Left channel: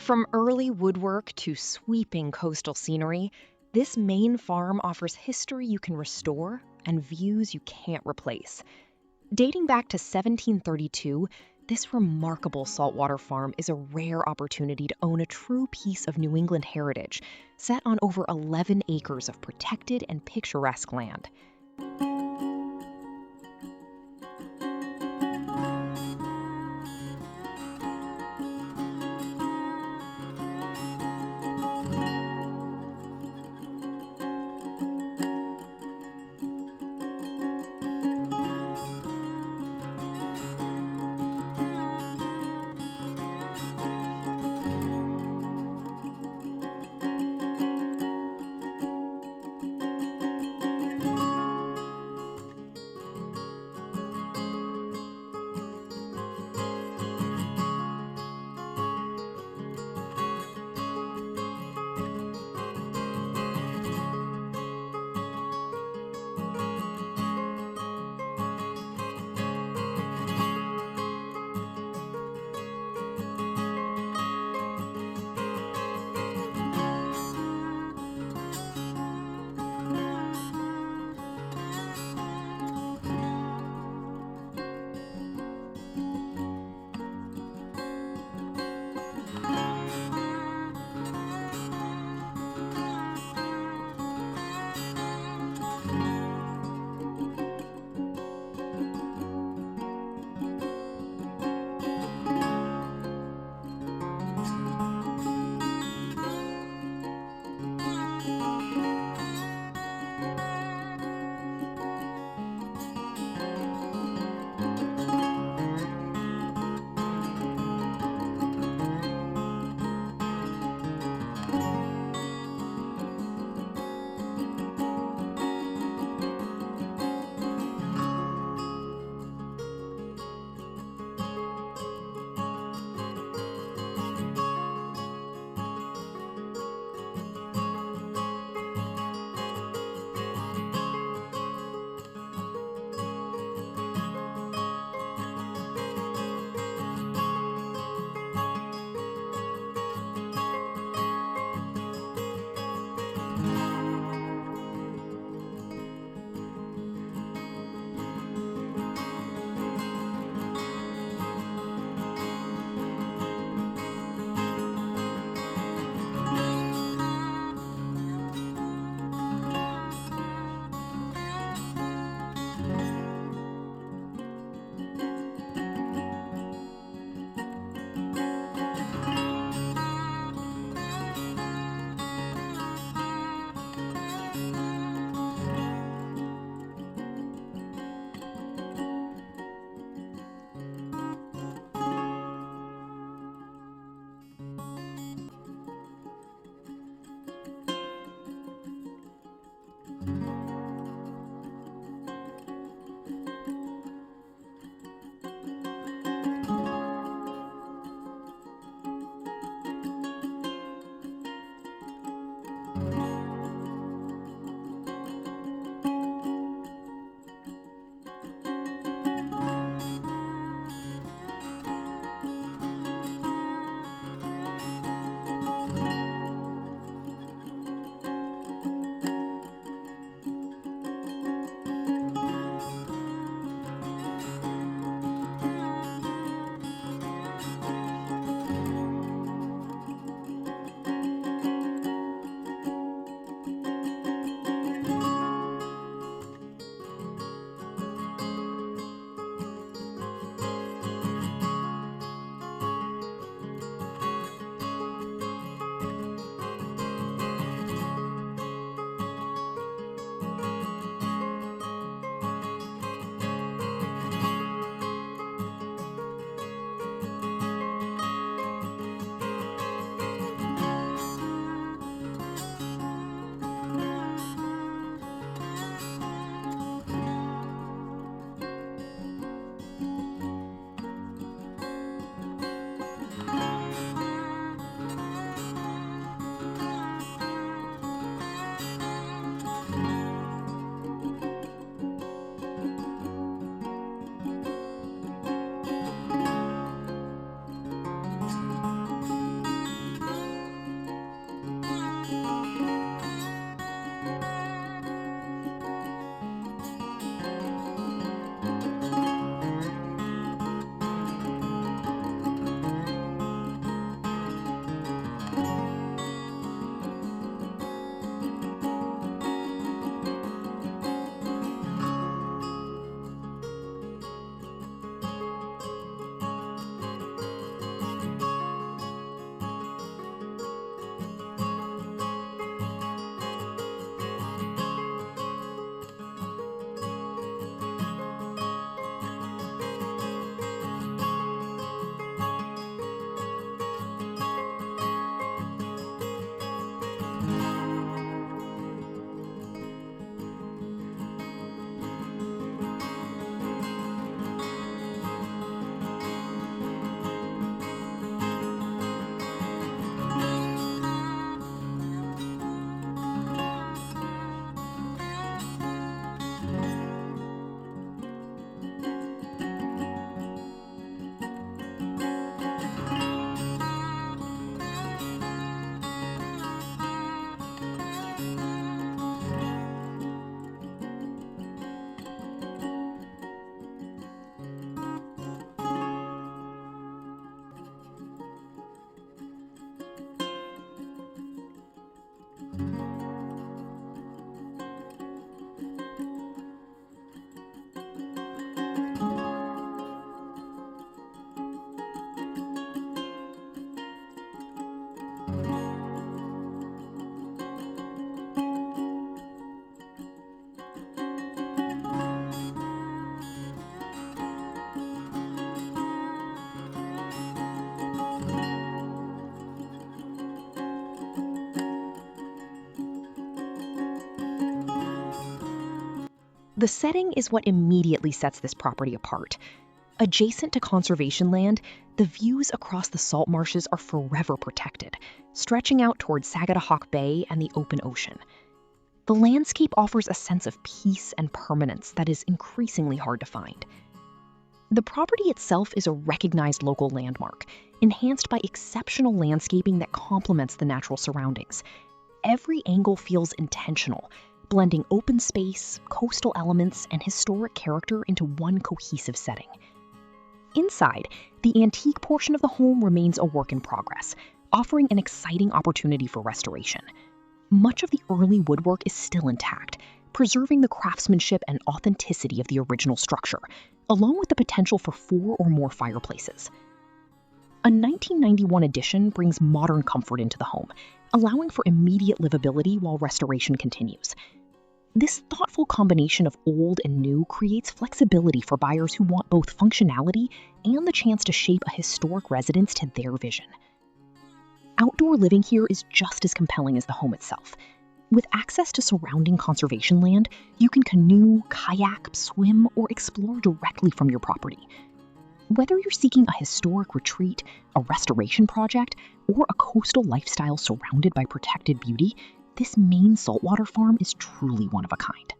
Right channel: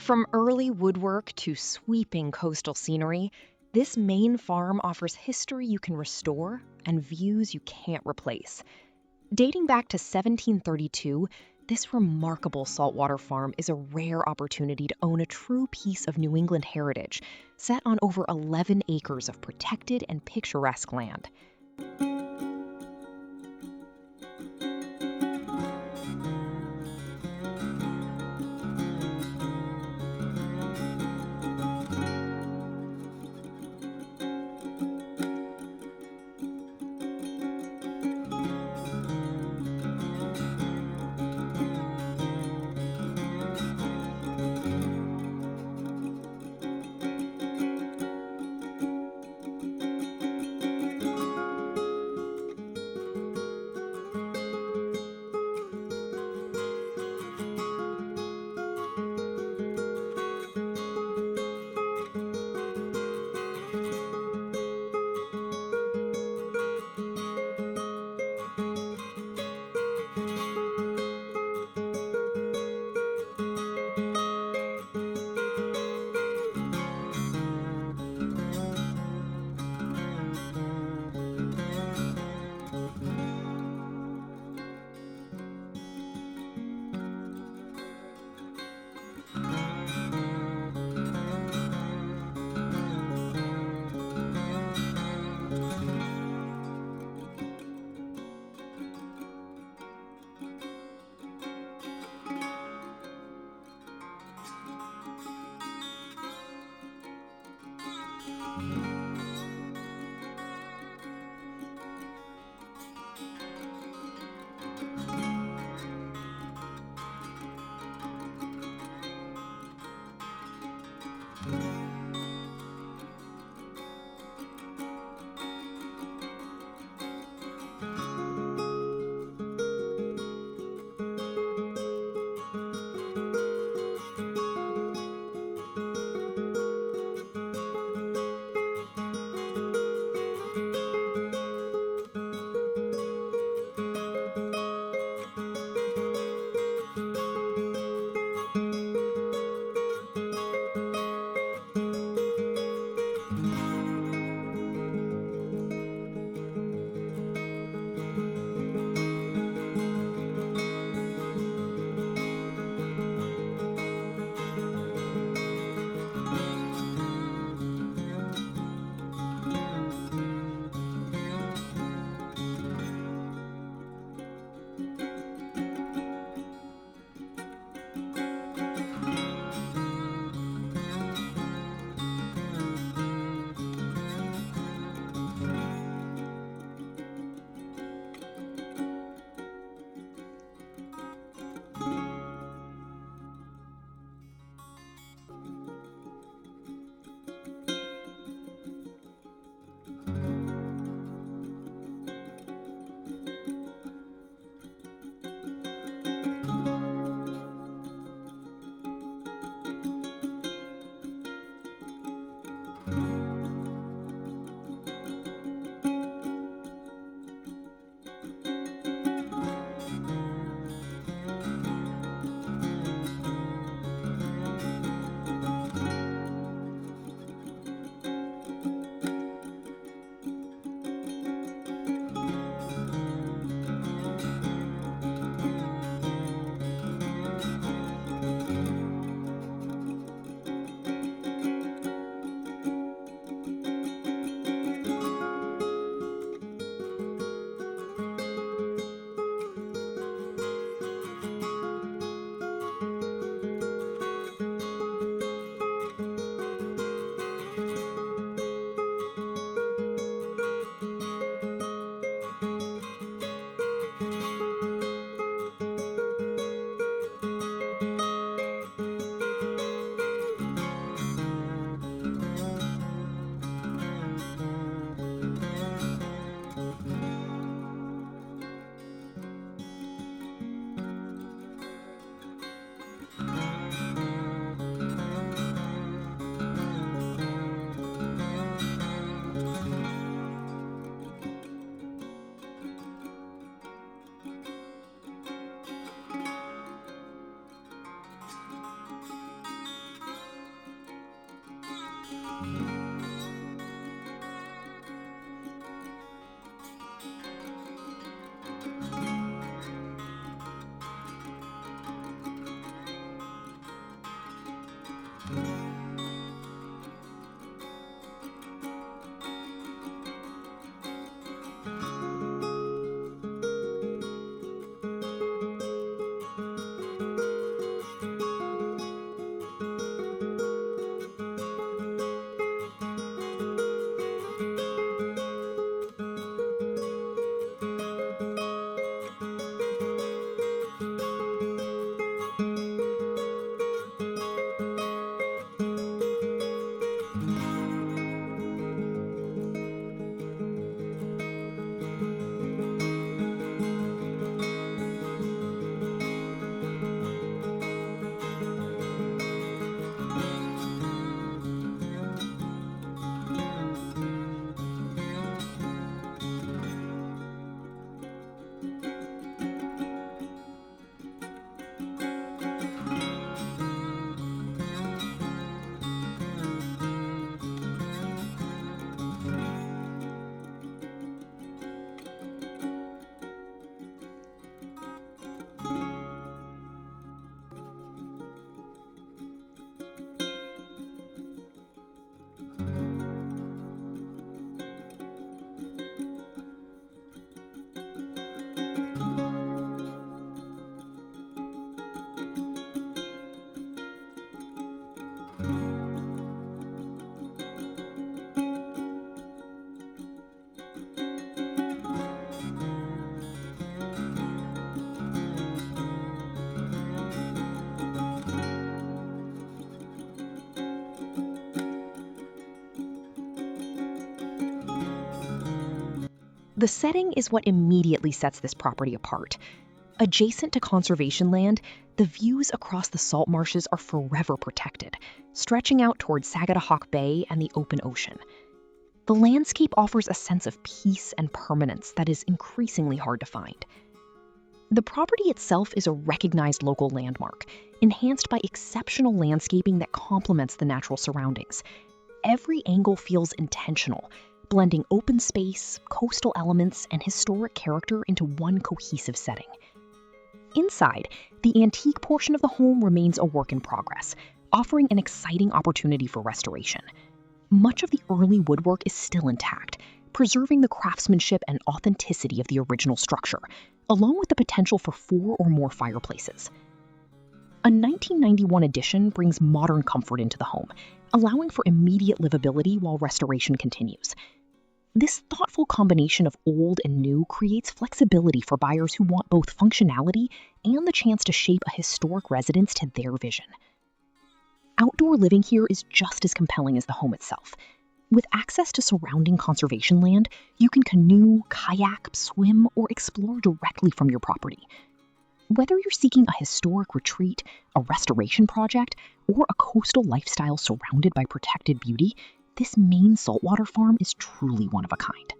From early woodwork to sweeping coastal scenery, this Maine farm offers history you can restore and views you can't replace. Dating back to 1732, this remarkable saltwater farm is a rare opportunity to own a true piece of New England heritage, set on over 11 acres of protected and picturesque land. The setting is what immediately sets this property apart. Adjacent to conservation land, the views across the salt marshes are forever protected, stretching out toward Sagadahoc Bay and the open ocean. The landscape offers a sense of peace and permanence that is increasingly hard to find. The property itself is a recognized local landmark, enhanced by exceptional landscaping that complements the natural surroundings. Every angle feels intentional, blending open space, coastal elements, and historic character into one cohesive setting. Inside, the antique portion of the home remains a work in progress, offering an exciting opportunity for restoration. Much of the early woodwork is still intact, preserving the craftsmanship and authenticity of the original structure, along with the potential for 4 or more fireplaces. A 1991 addition brings modern comfort into the home, allowing for immediate livability while restoration continues. This thoughtful combination of old and new creates flexibility for buyers who want both functionality and the chance to shape a historic residence to their vision. Outdoor living here is just as compelling as the home itself. With access to surrounding conservation land, you can canoe, kayak, swim, or explore directly from your property. Whether you're seeking a historic retreat, a restoration project, or a coastal lifestyle surrounded by protected beauty, this Maine saltwater farm is truly one of a kind.